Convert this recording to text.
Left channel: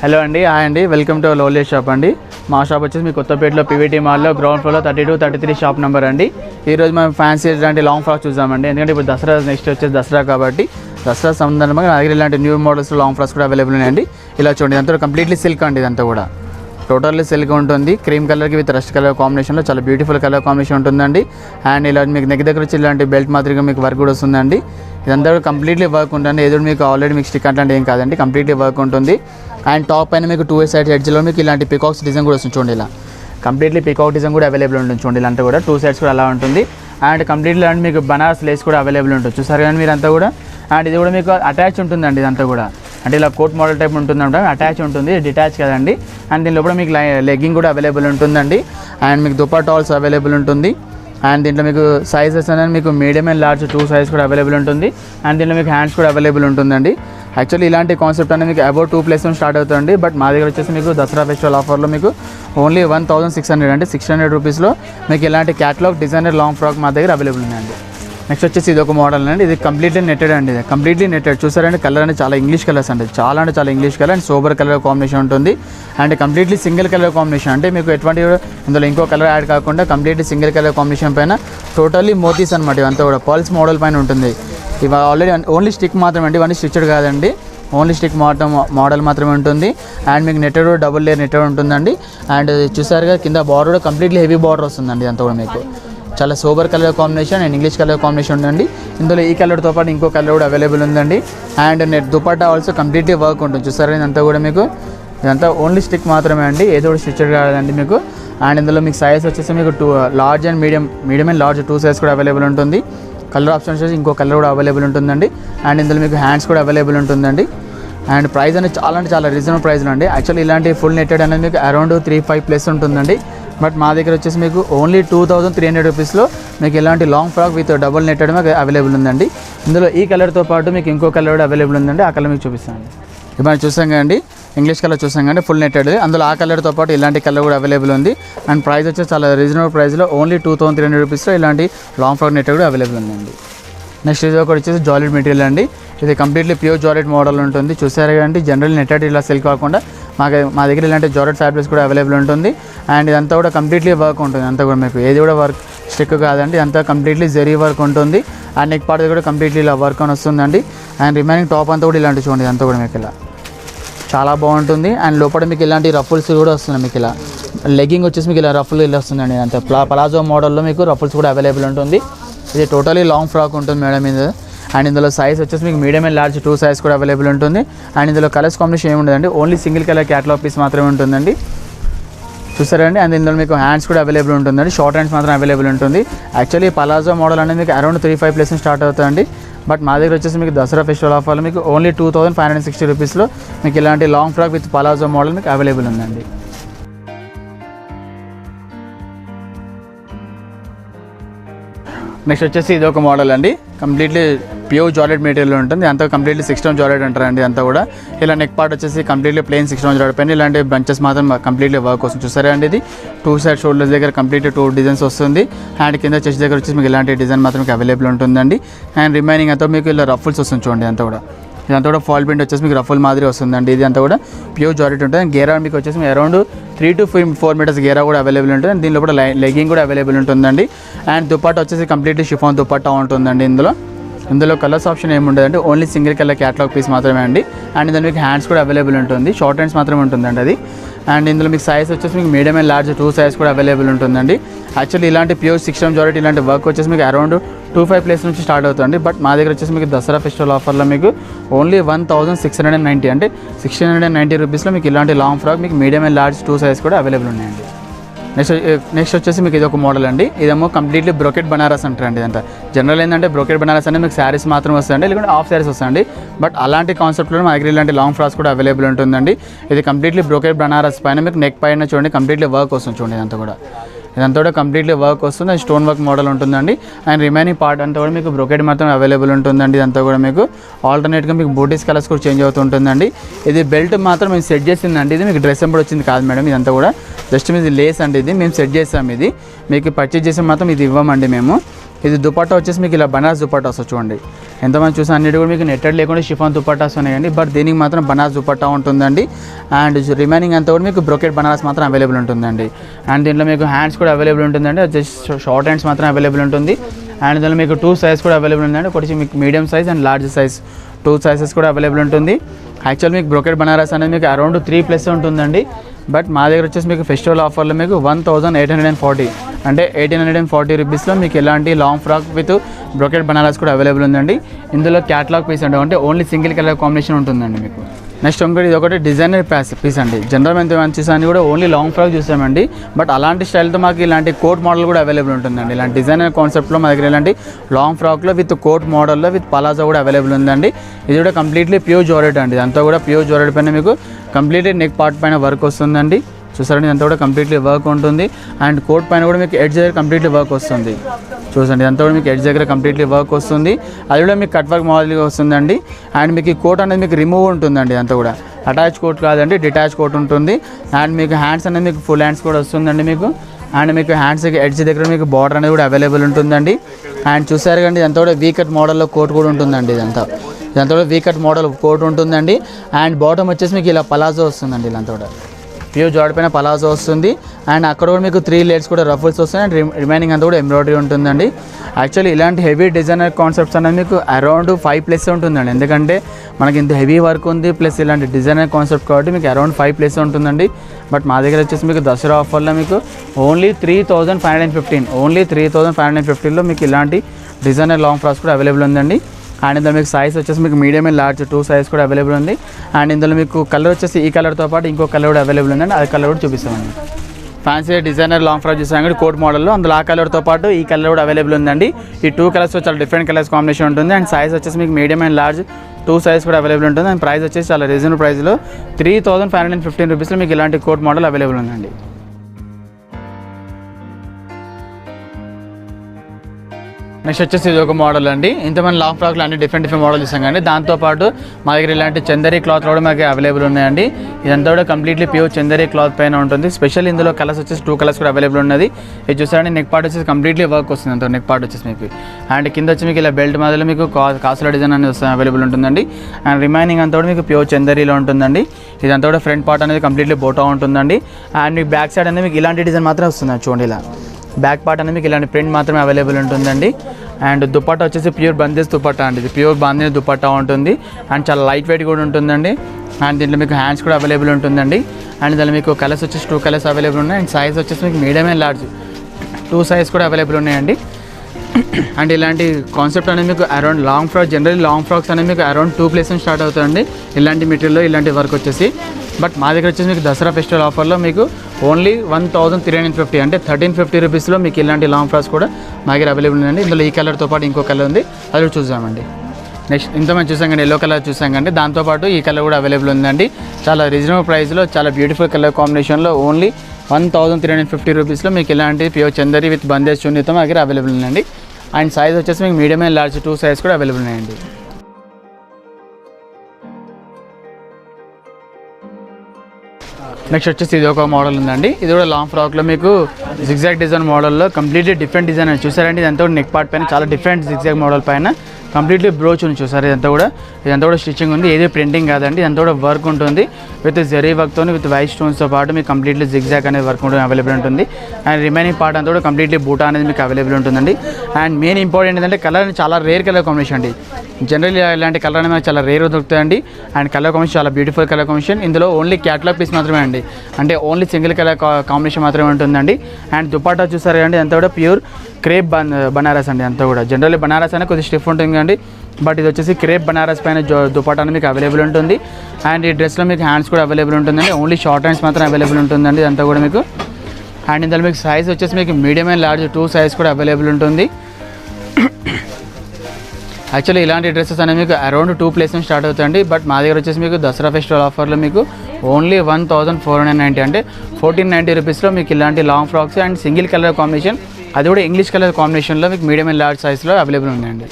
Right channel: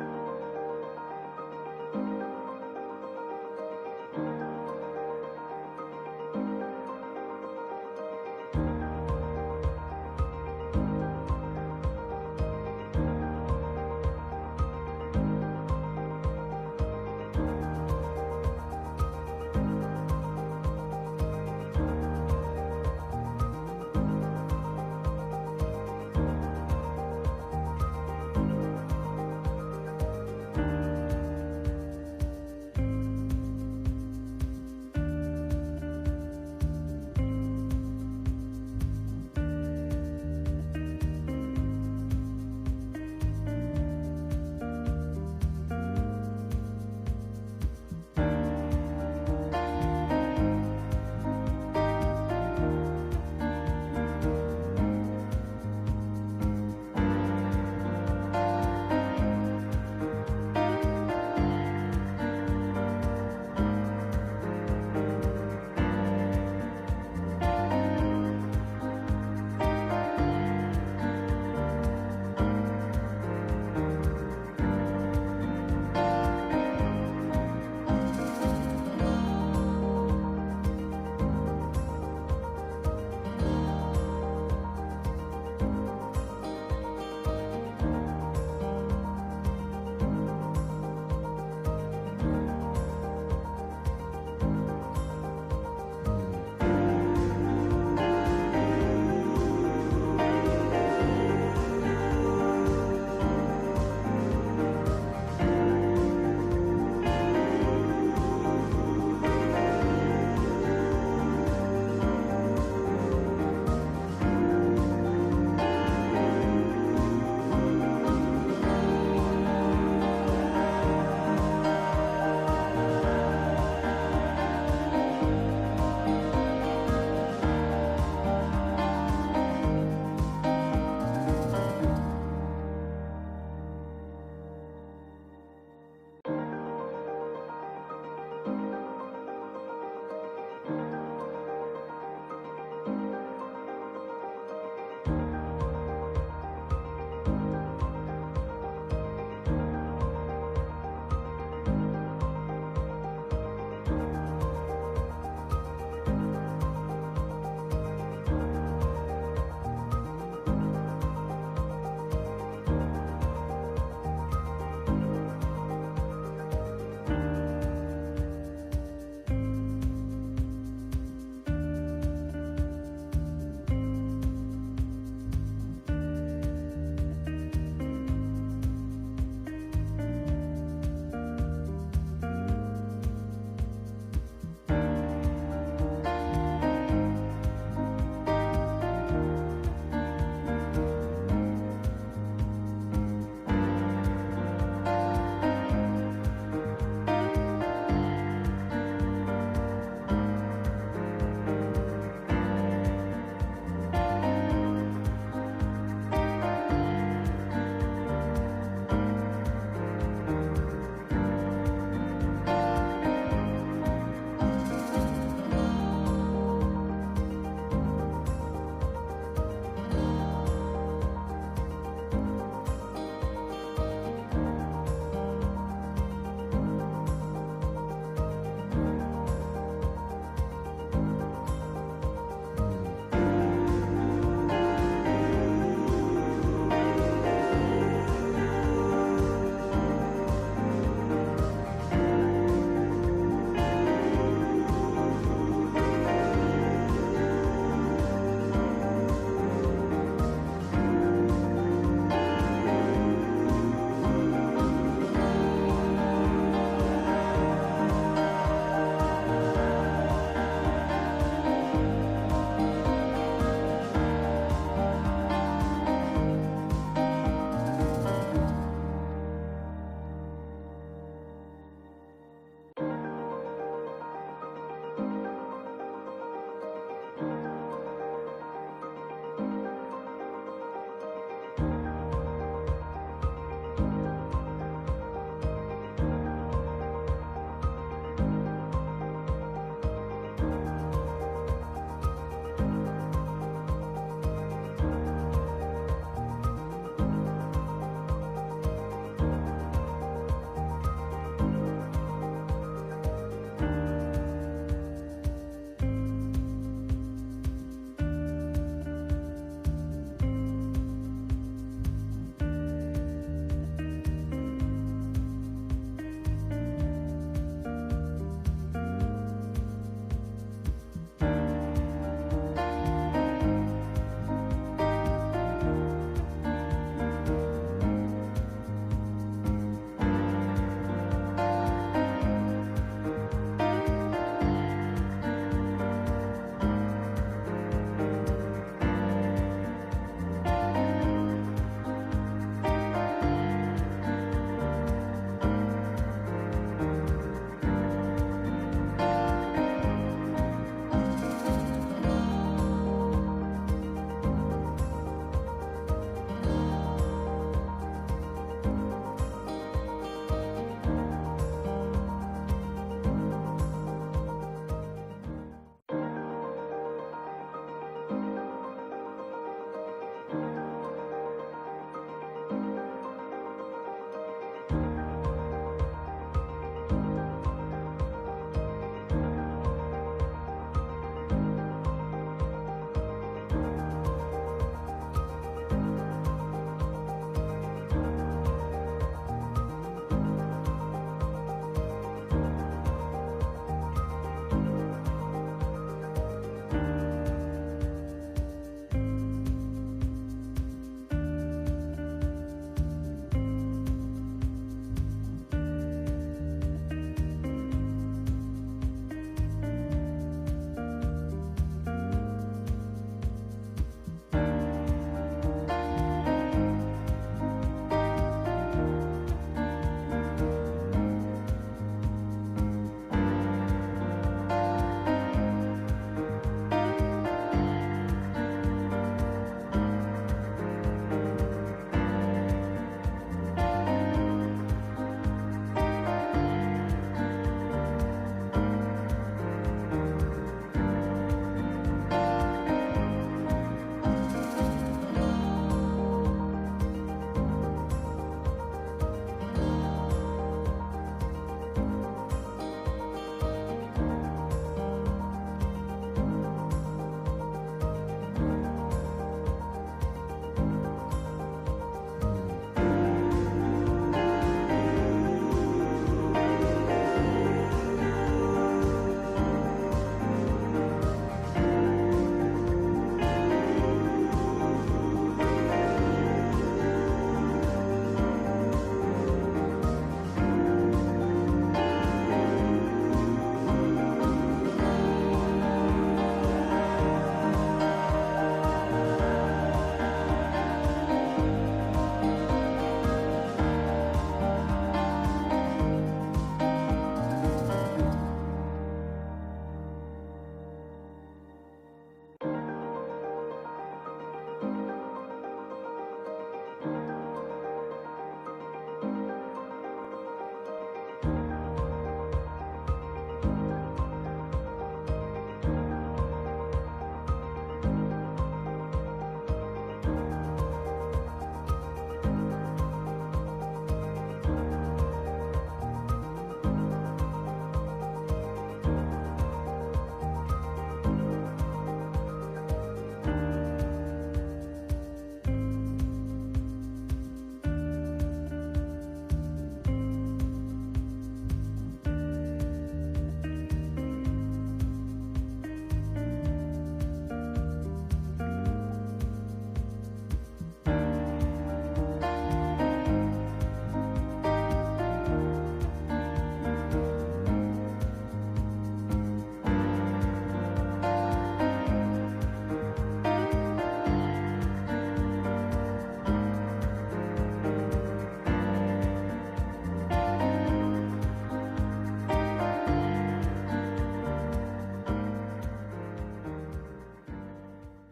Hello అండి, hi అండి, welcome to lovely shop అండి. మా షాప్ వచ్చేసి మీ కొత్తపేటలో పీవీటీ మాల్లో గ్రౌండ్ ఫ్లోర్లో 32, 33 షాప్ నెంబర్ అండి. ఈరోజు మనం ఫ్యాన్సీ ఇలాంటి లాంగ్ ఫ్రాక్ చూద్దామండి. ఎందుకంటే ఇప్పుడు దసరా నెక్స్ట్ వచ్చేసి దసరా కాబట్టి దసరా సందర్భంగా నా దగ్గర ఇలాంటి న్యూ మోడల్స్ లాంగ్ ఫ్రాక్స్ కూడా అవైలబుల్ ఉన్నాయండి. ఇలా చూడండి, ఇదంతా కంప్లీట్లీ సిల్క్ అండి. ఇదంతా కూడా టోటల్లీ సిల్క్ ఉంటుంది. క్రీమ్ కలర్కి విత్ రస్ట్ కలర్ కాంబినేషన్లో చాలా బ్యూటిఫుల్ కలర్ కాంబినేషన్ ఉంటుందండి. అండ్ ఇలా మీకు నెక్ దగ్గర వచ్చి ఇలాంటి బెల్ట్ మాదిరిగా మీకు వర్క్ కూడా వస్తుందండి. ఇదంతా కూడా కంప్లీట్లీ వర్క్ ఉంటుంది. ఏదో మీకు ఆల్రెడీ మీకు స్టిక్ అట్లాంటి ఏం కాదండి, కంప్లీట్లీ వర్క్ ఉంటుంది. అండ్ టాప్ పైన మీకు 2 సైడ్ ఎడ్జ్లో మీకు ఇలాంటి పికాక్స్ డిజైన్ కూడా వస్తుంది. చూడండి, ఇలా కంప్లీట్లీ పికాక్ డిజైన్ కూడా అవైలబుల్ ఉంటుంది. చూడండి, ఇలాంటి కూడా 2 సైడ్స్ కూడా అలా ఉంటుంది. అండ్ కంప్లీట్లీ అండ్ మీకు బనారస్ లేస్ కూడా అవైలబుల్ ఉంటుంది. చూసారు కానీ మీరంతా కూడా. అండ్ ఇది కూడా మీకు అటాచ్ ఉంటుందండి. ఇదంతా కూడా అంటే ఇలా కోట్ మోడల్ టైప్ ఉంటుందంటే అటాచ్ ఉంటుంది, డిటాచ్ కదండి. అండ్ దీనిలో కూడా మీకు లెగ్గింగ్ కూడా అవైలబుల్ ఉంటుందండి. అండ్ మీకు దుపట్టా ఆల్సో అవైలబుల్ ఉంటుంది. అండ్ దీంట్లో మీకు సైజెస్ అనేది మీకు మీడియం అండ్ లార్జ్ 2 సైజ్ కూడా అవైలబుల్ ఉంటుంది. అండ్ దీంట్లో మీకు హ్యాండ్స్ కూడా అవైలబుల్ ఉంటుందండి. యాక్చువల్లీ ఇలాంటి కాన్సెప్ట్ అనేది మీకు అబౌట్ 2 ప్లేస్ నుంచి స్టార్ట్ అవుతుంది. బట్ మా దగ్గర వచ్చేసి మీకు దసరా ఫెస్టివల్ ఆఫర్లో మీకు ఓన్లీ 1600 అంటే 600 రూపీస్లో మీకు ఇలాంటి క్యాటలాగ్ డిజైనర్ లాంగ్ ఫ్రాక్ మా దగ్గర అవైలబుల్ ఉందండి. నెక్స్ట్ వచ్చేసి ఇది ఒక మోడల్ అండి. ఇది కంప్లీట్లీ నెట్టెడ్ అండి. ఇది కంప్లీట్లీ నెట్టెడ్. చూసారండి, కలర్ అనేది చాలా ఇంగ్లీష్ కలర్స్ అండి. చాలా అంటే చాలా English colour and sober colour combination ఉంటుంది. And completely single colour combination, అంటే మీకు ఎటువంటి ఇందులో ఇంకో కలర్ యాడ్ కాకుండా కంప్లీట్లీ సింగిల్ కలర్ కాంబినేషన్ పైన టోటల్లీ మోతీస్ అనమాట. ఇవంతా కూడా పల్స్ మోడల్ పైన ఉంటుంది. ఇవి ఆల్రెడీ ఓన్లీ స్టిక్ మాత్రమే అండి, ఇవన్నీ స్టిచ్డ్ కాదండి. ఓన్లీ స్టిక్ మోడల్ మాత్రమే ఉంటుంది. అండ్ మీకు నెట్టెడ్ డబుల్ లేయర్ నెట్టెడ్ ఉంటుందండి. అండ్ చూసారుగా కింద బార్డర్ కూడా కంప్లీట్లీ హెవీ బార్డర్ వస్తుందండి. అంతా కూడా మీకు చాలా sober colour combination and English colour combination ఉందండి. ఇందులో ఈ కలర్తో పాటు ఇంకో కలర్ కూడా అవైలబుల్ ఉందండి. And net dupatta also completely work ఉంటుంది. చూసారా, ఇదంతా కూడా మీకు ఇదంతా ఓన్లీ స్టిక్ మాత్రమే అండి, ఏదో కూడా స్టిచ్డ్ కాదండి మీకు. అండ్ ఇందులో మీకు సైజ్ వచ్చేసి మీకు large and medium and large 2 size కూడా అవైలబుల్ ఉంటుంది. కలర్ ఆప్షన్ వచ్చేసి ఇంకో కలర్ కూడా అవైలబుల్ ఉంటుందండి. అండ్ ఇందులో మీకు హ్యాండ్స్ కూడా అవైలబుల్ ఉంటుందండి. అండ్ ప్రైస్ అనేది చాలా అంటే చాలా రీజనబుల్ ప్రైస్లో అండి. యాక్చువల్లీ ఇలాంటి ఫుల్ నెట్టెడ్ అనేది మీకు అరౌండ్ 3-5 ప్లస్ ఉంటుందండి. బట్ మా దగ్గర వచ్చేసి మీకు ఓన్లీ 2300 రూపీస్లో మీకు ఇలాంటి long frock with double netted మీకు అవైలబుల్ ఉందండి. ఇందులో ఈ కలర్తో పాటు మీకు ఇంకో కలర్ కూడా అవైలబుల్ ఉందండి. ఆ కలర్ మీకు చూపిస్తాను. ఇప్పుడు మనం చూసాం కదండి, ఇంగ్లీష్ కలర్ చూసాం కండి, ఫుల్ నెట్టెడ్. అందులో ఆ కలర్తో పాటు ఇలాంటి కలర్ కూడా అవైలబుల్ ఉంది. అండ్ ప్రైస్ వచ్చేసి చాలా రీజనబుల్ ప్రైస్లో ఓన్లీ 2300 రూపీస్లో ఇలాంటి లాంగ్ ఫ్రాక్ నెట్టెడ్ కూడా అవైలబుల్ ఉందండి. నెక్స్ట్ ఇది ఒకటి వచ్చేసి జార్జెట్ మెటీరియల్ అండి. ఇది కంప్లీట్లీ ప్యూర్ జార్జెట్ మోడల్ ఉంటుంది. చూసారు కదండి, జనరల్ నెట్టెడ్ ఇలా సిల్క్ కాకుండా మా దగ్గర ఇలాంటి జార్జెట్ ఫ్యాబ్రిక్స్ కూడా అవైలబుల్ ఉంటుంది. అండ్ ఇదంతా కూడా కంప్లీట్లీ వర్క్ ఉంటుంది. అంతా కూడా మీకు ఏది కూడా వర్క్ స్టిక్ కాదండి, అంతా కంప్లీట్లీ జెరీ వర్క్ ఉంటుంది. అండ్ నెక్ పార్ట్ కూడా కంప్లీట్లీ ఇలా వర్క్ అని వస్తుందండి. అండ్ రిమైనింగ్ టాప్ అంతా కూడా ఇలాంటి చూడండి, అంతా కూడా మీకు ఇలా చాలా బాగుంటుంది. అండ్ లోపల మీకు ఇలాంటి రఫుల్స్ కూడా వస్తుంది. మీకు ఇలా లెగ్గింగ్ వచ్చేసి మీకు ఇలా రఫుల్ ఇలా వస్తుందండి. అంతే పలాజో మోడల్లో మీకు రఫుల్స్ కూడా అవైలబుల్ ఉంటుంది. ఇది టోటలీ లాంగ్ ఫ్రాక్ ఉంటుంది మేడం ఇది. అండ్ ఇందులో సైజ్ వచ్చేసి మీకు మీడియం అండ్ లార్జ్ 2 సైజ్ కూడా అవైలబుల్ ఉంటుంది. అండ్ ఇందులో కలర్స్ కాంబినేషన్ ఏమి ఉండదండి, only single colour catalogue piece మాత్రమే ఉంటుందండి. చూసారండి. అండ్ ఇందులో మీకు హ్యాండ్స్ కూడా అవైలబుల్ ఉంటుందండి, షార్ట్ హ్యాండ్స్ మాత్రం అవైలబుల్ ఉంటుంది. యాక్చువల్లీ పలాజో మోడల్ అనేది మీకు అరౌండ్ 3-5 ప్లేస్ స్టార్ట్ అవుతుందండి. బట్ మా దగ్గర వచ్చేసి మీకు దసరా ఫెస్టివల్ ఆఫర్లో మీకు ఓన్లీ 2560 రూపీస్లో మీకు ఇలాంటి long frock with palazzo model మీకు అవైలబుల్ ఉందండి. నెక్స్ట్ వచ్చేసి ఇది ఒక మోడల్ అండి. కంప్లీట్లీ ప్యూర్ జార్జెట్ మెటీరియల్ ఉంటుంది. అంతా కంప్లీట్లీ 6 జార్జెట్ అంటారండి. అంతా కూడా ఇలా నెక్ పార్ట్ వచ్చేసి కంప్లీట్లీ ప్లెయిన్ 6 జార్జెట్ పైన ఇలాంటి బంచెస్ మాత్రం కంప్లీట్లీ వర్క్ వస్తుంది. చూసారా అండి, ఇది 2 సైడ్ షోల్డర్స్ దగ్గర కంప్లీట్లీ 2 డిజైన్స్ వస్తుంది. హ్యాండ్ కింద చెస్ట్ దగ్గర వచ్చేసి మీకు ఇలాంటి డిజైన్ మాత్రం మీకు అవైలబుల్ ఉంటుందండి. అండ్ రిమైనింగ్ అంతా మీకు ఇలా రఫుల్స్ వస్తుంది. చూడండి, అంతా కూడా ఇదంతా కూడా ఫాల్ ప్రింట్ వచ్చేసి మీకు రఫుల్ మాదిరి వస్తుందండి. ఇది అంతా కూడా ప్యూర్ జార్జెట్ ఉంటుంది. గేరా మీకు వచ్చేసి మీకు అరౌండ్ 3 to 4 మీటర్స్ గేరా కూడా అవైలబుల్ ఉంటుంది. దీనిలో కూడా లెగ్గింగ్ కూడా అవైలబుల్ ఉంటుందండి. అండ్ దుపట్టా వచ్చేసి కంప్లీట్లీ షిఫాన్ దుపట్టా ఉంటుందండి. ఇందులో కలర్స్ ఆప్షన్ ఏమి ఉండదండి, only single colour catalogue piece మాత్రమే అండి. అండ్ ఇందులో మీకు హ్యాండ్స్ కూడా అవైలబుల్ ఉంటుంది, షార్ట్ హ్యాండ్స్ మాత్రమే ఉంటుందండి అది. అండ్ ఇందులో మీకు సైజ్ వచ్చేసి మీకు మీడియం అండ్ లార్జ్ 2 సైజ్ కూడా అవైలబుల్ ఉంటుందండి. యాక్చువల్లీ ఇలాంటి ప్యూర్ 6 జార్జెట్ ఇలాంటి వర్క్ వచ్చేసి మీకు అరౌండ్ 25 ప్లేస్ నుంచి స్టార్ట్ అవుతుంది. బట్ మా దగ్గర వచ్చేసి మీకు దసరా ఫెస్టివల్ ఆఫర్లో మీకు ఓన్లీ 1690 అంటే 690 రూపీస్లో మీకు ఇలాంటి లాంగ్ ఫ్రాక్ మీకు మీడియం అండ్ లార్జ్ 2 సైజ్ కూడా అవైలబుల్ ఉన్నాయండి. నెక్స్ట్ వచ్చేసి మీకు ఇది ఒక మోడల్ అండి. ఇదేమో కంప్లీట్లీ బ్రోకెట్ బనారస్ అంటారండి. ఇదంతా జనరల్ ఏంటంటే బ్రోకెట్ బనారస్ అంటే మీకు శారీస్ మాత్రం వస్తాయండి, లేకుంటే హాఫ్ శారీస్ వస్తాయండి. బట్ అలాంటి కాన్సెప్ట్లో మా దగ్గర ఇలాంటి లాంగ్ ఫ్రాక్స్ కూడా అవైలబుల్ ఉంటుందండి. ఇది కంప్లీట్లీ బ్రోకెట్ బనారస్ పైన మీకు నెక్ పైన చూడండి కంప్లీట్లీ వర్క్ వస్తుంది. చూడండి, ఇదంతా కూడా కంప్లీట్లీ వర్క్ వస్తుంది. అది స్టోన్ వర్క్ మోడల్ ఉంటుందండి. అండ్ రిమైనింగ్ పార్ట్ అంతా కూడా మీకు బ్రోకెట్ మాత్రం అవైలబుల్ ఉంటుందండి. ఇదంతా కూడా మీకు ఆల్టర్నేట్గా మీకు బూటీస్ కలర్స్ కూడా చేంజ్ అవుతుంటుందండి. ఇది బెల్ట్ మాత్రం మేము సెట్ చేసిందండి. ఇది మీకు డ్రెస్ ఎంబడి వచ్చింది కాదు మేడం, ఇదంతా కూడా జస్ట్ ఇది లేస్ అండి. ఇది మేము సెట్ చేసాం. ఇది మీకు పర్చేజ్ చేసి మాత్రం ఇది ఇవ్వమండి మేము. ఇది దుపట్టా వచ్చేసి మీకు ఇలా బనారస్ దుపట్టా వస్తుంది చూడండి. ఎంతమంది చూసిన అన్నిటి కూడా మీకు నెట్టెడ్ లేకుండా షిఫాన్ దుపట్టాస్ ఉన్నాయండి. బట్ దీనికి మాత్రం బనారస్ దుపట్టా ఉంటుందండి. అండ్ రిమైనింగ్ అంతా కూడా మీకు బ్రొకెట్ బనారస్ మాత్రం అవైలబుల్ ఉంటుందండి. అండ్ దీంట్లో మీకు హ్యాండ్స్ కూడా అవైలబుల్ ఉంటుందండి. జస్ట్ షార్ట్ హ్యాండ్స్ మాత్రం అవైలబుల్ ఉంటుంది. అండ్ దీనిలో మీకు 2 సైజ్ కూడా అవైలబుల్ ఉందండి. ఒకటి మీకు medium size and large size 2 sizes కూడా అవైలబుల్ ఉంటుంది. యాక్చువల్ మీకు బ్రొకెట్ బనారస్ అనేది మీకు అరౌండ్ 3+ ఉంటుందండి. బట్ మా దగ్గర వచ్చేసి మీకు ఫెస్టివల్ ఆఫర్లో మీకు 1840 అంటే 1840 రూపీస్లో మీకు ఎలాంటి long frock with brocade Banaras కూడా అవైలబుల్ ఉందండి. ఇందులో క్యాటలాగ్ పీస్ అంటే ఓన్లీ సింగిల్ కలర్ కాంబినేషన్ ఉంటుందండి మీకు. నెక్స్ట్ ఇంకోటి ఇది ఒకటి డిజైనర్ పీస్ అండి. జనరల్ ఎంత చూసాను కూడా ఓన్లీ లాంగ్ ఫ్రాక్ చూసామండి. బట్ అలాంటి స్టైల్తో మాకు ఇలాంటి కోట్ మోడల్ కూడా అవైలబుల్ ఉంటుందండి. ఇలాంటి డిజైనర్ కాన్సెప్ట్లో మా దగ్గర ఇలాంటి లాంగ్ ఫ్రాక్లో విత్ కోట్ మోడల్లో విత్ పలాజో కూడా అవైలబుల్ ఉందండి. ఇది కూడా కంప్లీట్లీ ప్యూర్ జోరెట్ అండి. ఇదంతా కూడా ప్యూర్ జోరెట్ పైన మీకు కంప్లీట్లీ నెక్ పార్ట్ పైన వర్క్ వస్తుందండి. చూసారండి ఇదంతా కూడా కంప్లీట్లీ వర్క్ ఉంటుంది. అండ్ కోట్ పైన కూడా మీకు ఎడ్జ్ దగ్గర కంప్లీట్లీ వర్క్ వస్తుంది. చూసండి ఇదంతా కూడా మీకు ఎడ్జ్ దగ్గర కంప్లీట్లీ వర్క్ వస్తుంది. అది కూడా మీకు కట్ వర్క్ మోడల్గా వస్తుందండి. అండ్ మీకు ఈ కోట్ అనేది మీకు రిమూవ్ ఉంటుందండి. అంతా కూడా అటాచ్ కోట్ కాదండి, డిటాచ్ కోట్ ఉంటుంది. అండ్ మీకు హ్యాండ్స్ అనేది మీకు ఫుల్ హ్యాండ్స్ కూడా వస్తుందండి మీకు. అండ్ మీకు హ్యాండ్స్కి ఎడ్జ్ దగ్గర మీకు బార్డర్ అనేది కూడా అవైలబుల్ ఉంటుందండి. అండ్ చూసారు కండి ఇదంతా కూడా వీ కట్ మోడల్లో కోట్ కూడా ఉంటుందండి. ఇదంతా కూడా వీ కట్ మోడల్ కోట్ ఉంటుందండి. అండ్ బాటమ్ వచ్చేసి మీకు ఇలా పలాజో వస్తుందండి. ఇదంతా కూడా ప్యూర్ జాడ్ పైన పలాజో వస్తుంది. అండ్ అక్కడ కూడా మీకు 3 లేయర్స్ కూడా రఫుల్స్ వస్తాయి. అండ్ రిమైనింగ్ అంతా కూడా ఎంబ్రాయిడరీ ఉంటుందండి. యాక్చువల్లీ ఇలాంటి హెవీ డిజైనర్ కాన్సెప్ట్స్ అనేది మీకు అరౌండ్ 5+ ఉంటుందండి. ఎందుకంటే మనకి ఇంత హెవీ వర్క్ ఉంది ప్లస్ ఇలాంటి డిజైనర్ కాన్సెప్ట్ కాబట్టి మీకు అరౌండ్ 5+ ఉంటుందండి. బట్ మా దగ్గర వచ్చేసి మీకు దసరా ఆఫర్లో మీకు ఓన్లీ 3515 ఓన్లీ 3515లో మీకు ఇలాంటి డిజైనర్ లాంగ్ ఫ్రాక్స్ కూడా అవైలబుల్ ఉందండి. అండ్ ఇందులో మీకు సైజ్ వచ్చేసి మీకు మీడియం అండ్ లార్జ్ 2 సైజ్ కూడా అవైలబుల్ ఉంది. అండ్ ఇందులో మీకు కలర్ వచ్చేసి ఈ కలర్తో పాటు ఇంకో కలర్ కూడా అవైలబుల్ ఉందండి. అది కలర్ కూడా చూపిస్తామండి. ఫ్యాన్సీ డిజైనర్ లాంగ్ ఫ్రాక్ చూసాం కానీ కోట్ మోడల్లో అందులో ఆ కలర్తో పాటు ఈ కలర్ కూడా అవైలబుల్ ఉందండి. ఈ 2 కలర్స్ చాలా డిఫరెంట్ కలర్స్ కాంబినేషన్ ఉంటుంది. అండ్ సైజ్ వచ్చేసి మీకు మీడియం అండ్ లార్జ్ 2 సైజ్ కూడా అవైలబుల్ ఉంటుంది. అండ్ ప్రైస్ వచ్చేసి చాలా రీజనబుల్ ప్రైస్లో 3515 రూపీస్లో మీకు ఇలాంటి కోట్ మోడల్ అవైలబుల్ ఉందండి. నెక్స్ట్ వచ్చేసి ఇది ఒక మోడల్ అండి. ఇంతమంది లాంగ్ ఫ్రాక్లు అన్ని డిఫరెంట్ మోడల్ చూసాం కానీ దాంతోపాటు మా దగ్గర ఇలాంటి చందరీ క్లాత్ కూడా మాకు అవైలబుల్ ఉన్నాయండి. ఇదంతా కూడా కంప్లీట్లీ ప్యూర్ చందరీ క్లాత్ పైన ఉంటుంది. స్పెషల్ ఇందులో కలర్స్ వచ్చేసి 2 కలర్స్ కూడా అవైలబుల్ ఉన్నది. ఇది చూసారండి నెక్ పార్ట్ వచ్చేసి కంప్లీట్లీ వర్క్ వస్తుంది. అంత నెక్ పార్ట్ వచ్చేసి మీకు అండ్ కింద వచ్చి మీకు ఇలా బెల్ట్ మధ్యలో మీకు కాసుల డిజైన్ అనేది వస్తుంది అవైలబుల్ ఉంటుందండి. అండ్ రిమైనింగ్ అంతా కూడా మీకు ప్యూర్ చందరీలో ఉంటుందండి. ఇదంతా కూడా ఫ్రంట్ పార్ట్ అనేది కంప్లీట్లీ బోటా ఉంటుందండి. అండ్ మీకు బ్యాక్ సైడ్ అనేది మీకు ఇలాంటి డిజైన్ మాత్రం వస్తుంది చూడండి. ఇలా బ్యాక్ పార్ట్ అనేది మీకు ఇలాంటి ప్రింట్ మాత్రమే అవైలబుల్ ఉంటుందండి. అండ్ దుపట్టా వచ్చేసి ప్యూర్ బందేజ్ దుపట్టా అండి. ఇది ప్యూర్ బందేజ్ దుపట్టా ఉంటుంది. అండ్ చాలా లైట్ వెయిట్ కూడా ఉంటుందండి. అండ్ దీంట్లో మీకు హ్యాండ్స్ కూడా అవైలబుల్ ఉంటుందండి. అండ్ దీంట్లో మీకు కలర్స్ వచ్చేసి 2 కలర్స్ అవైలబుల్ ఉన్నాయి. అండ్ సైజ్ వచ్చేసి మీకు మీడియం అండ్ లార్జ్ 2 సైజ్ కూడా అవైలబుల్ ఉన్నాయండి. అండ్ ఇలాంటి కాన్సెప్ట్ అనేది మీకు around long frock generally long frocks అనేది మీకు అరౌండ్ 2+ స్టార్ట్ అవుతుందండి. ఇలాంటి మెటీరియల్లో ఇలాంటి వర్క్ వచ్చేసి. బట్ మా దగ్గర వచ్చేసి మీకు దసరా ఫెస్టివల్ ఆఫర్లో మీకు ఓన్లీ 1350 అంటే 1350 రూపీస్లో మీకు ఇలాంటి లాంగ్ ఫ్రాక్స్ కూడా మా దగ్గర అవైలబుల్ ఉందండి. ఇందులో ఈ కలర్తో పాటు ఇంకో కలర్ ఉంది, అది చూసామండి. నెక్స్ట్ ఇంతమంది చూసాం కానీ ఎల్లో కలర్ చూసాం కండి. దాంతోపాటు ఈ కలర్ కూడా అవైలబుల్ ఉందండి. చాలా రీజనబుల్ ప్రైస్లో చాలా బ్యూటిఫుల్ కలర్ కాంబినేషన్లో ఓన్లీ 1350 రూపీస్లో మీకు ఇలాంటి ప్యూర్ చందరి విత్ బందేజ్ చున్నీతో మా దగ్గర అవైలబుల్ ఉందండి. అండ్ సైజ్ వచ్చేసి మీకు మీడియం అండ్ లార్జ్ 2 సైజ్ కూడా అవైలబుల్ ఉన్నాయండి. నెక్స్ట్ వచ్చేసి ఇది ఒక మోడల్ ఉందండి. ఇది కూడా లాంగ్ ఫ్రాక్లో మీకు జిగ్జాగ్ డిజైన్ మోడల్లో కంప్లీట్లీ డిఫరెంట్ డిజైన్ అని చూసారండి. ఇదంతా కూడా నెక్ పార్ట్ పైన చాలా డిఫరెంట్ జిగ్జాగ్ మోడల్ పైన కంప్లీట్లీ బ్రోచ్ ఉంది చూసారు. ఇదంతా కూడా స్టిచ్చింగ్ ఉంది, ఏది ప్రింటింగ్ కాదండి. ఇదంతా కూడా వర్క్ ఉంటుంది విత్ జరీ వర్క్తో విత్ వైట్ స్టోన్స్తో పాటు మీకు కంప్లీట్లీ జిగ్జాగ్ అనేది వర్క్ ఉంటుంది అవైలబుల్ ఉంటుంది. అండ్ రిమైనింగ్ పార్ట్ అంతా కూడా కంప్లీట్లీ బూటా అనేది మీకు అవైలబుల్ ఉంటుందండి. అండ్ మెయిన్ ఇంపార్టెంట్ ఏంటంటే కలర్ చాలా రేర్ కలర్ కాంబినేషన్ అండి. జనరల్లీ ఇలాంటి కలర్ అనేది మనకు చాలా రేర్ దొరుకుతాయండి. అండ్ కలర్ కాంబినేషన్ చాలా బ్యూటిఫుల్ కలర్ కాంబినేషన్. ఇందులో ఓన్లీ క్యాటలాగ్ పీస్ మాత్రమే అండి, అంటే ఓన్లీ సింగిల్ కలర్ కాంబినేషన్ మాత్రమే ఉంటుందండి. అండ్ దుపట్టా చూసారు కండి, అంతా కూడా ప్యూర్ క్రేప్ బనారస్ అండి. అంతా కూడా జనరల్లీ బనారస్ అనేది కొద్దిగా స్టిఫ్ ఉంటుంది కండి, బట్ ఇది వచ్చేసి క్రేప్ బనారస్ పైన దుపట్టా అనేది మీకు అవైలబుల్ ఉంటుంది. అండ్ ఈ డ్రెస్లో మీకు హ్యాండ్స్ కూడా అవైలబుల్ ఉంటుందండి, ఓన్లీ షార్ట్ హ్యాండ్స్ మాత్రం అవైలబుల్ ఉంటుందండి ఇదంతా కూడా మీకు. అండ్ ఇందులో మీకు సైజ్ వచ్చేసి మీకు మీడియం అండ్ లార్జ్ 2 సైజ్ కూడా అవైలబుల్ ఉంటుంది. యాక్చువల్లీ ఇలాంటి డ్రెస్సెస్ అనేవి మీకు అరౌండ్ 2+ స్టార్ట్ అవుతాయండి. బట్ మా దగ్గర వచ్చేసి మీకు దసరా ఫెస్టివల్ ఆఫర్లో మీకు ఓన్లీ 1490 అంటే 1490 రూపీస్లో మీకు ఇలాంటి long frocks and single colour combination, అది కూడా ఇంగ్లీష్ కలర్ కాంబినేషన్లో మీకు మీడియం అండ్ లార్జ్ సైజ్లో అవైలబుల్ ఉన్నాయండి.